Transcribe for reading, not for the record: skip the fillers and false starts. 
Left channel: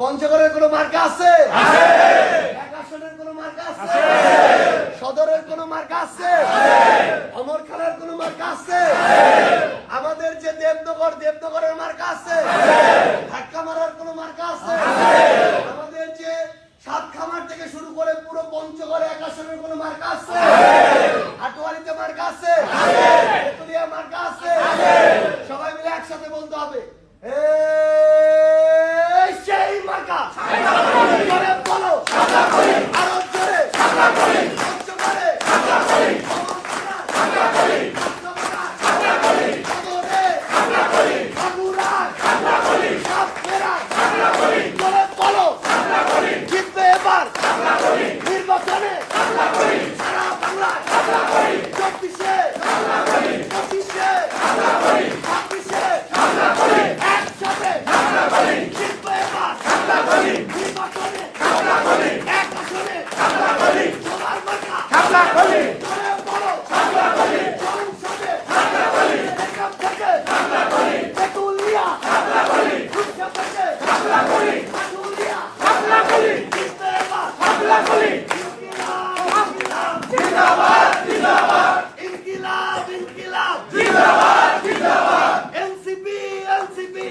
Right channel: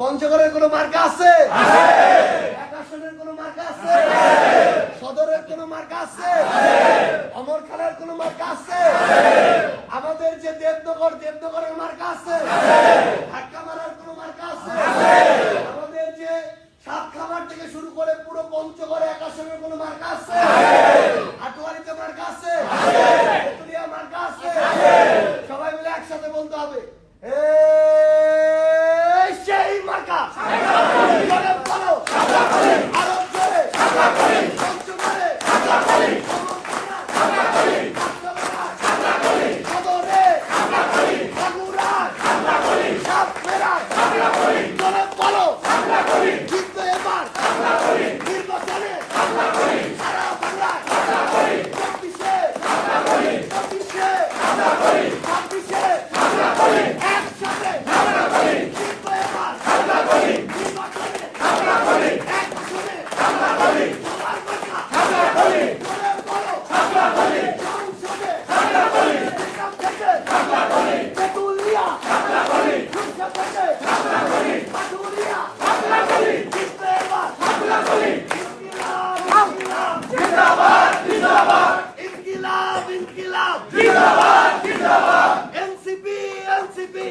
পঞ্চগড়ের কোনো মার্কা আছে? এক আসনের কোনো মার্কা আছে? সদরের কোনো মার্কা আছে? অমরখানার কোনো মার্কা আছে? আমাদের যে দেবনগরের মার্কা আছে? ঢাকামারার কোনো মার্কা আছে? আমাদের যে সাতখামার থেকে শুরু করে পুরো পঞ্চগড়ে এক আসনের কোনো মার্কা আছে? হাটুয়ারিতে মার্কা আছে? তেতুলিয়া মার্কা আছে? সবাই মিলে একসাথে বলতে হবে, সেই মার্কা। জিতবে এবার নির্বাচনে এনসিপি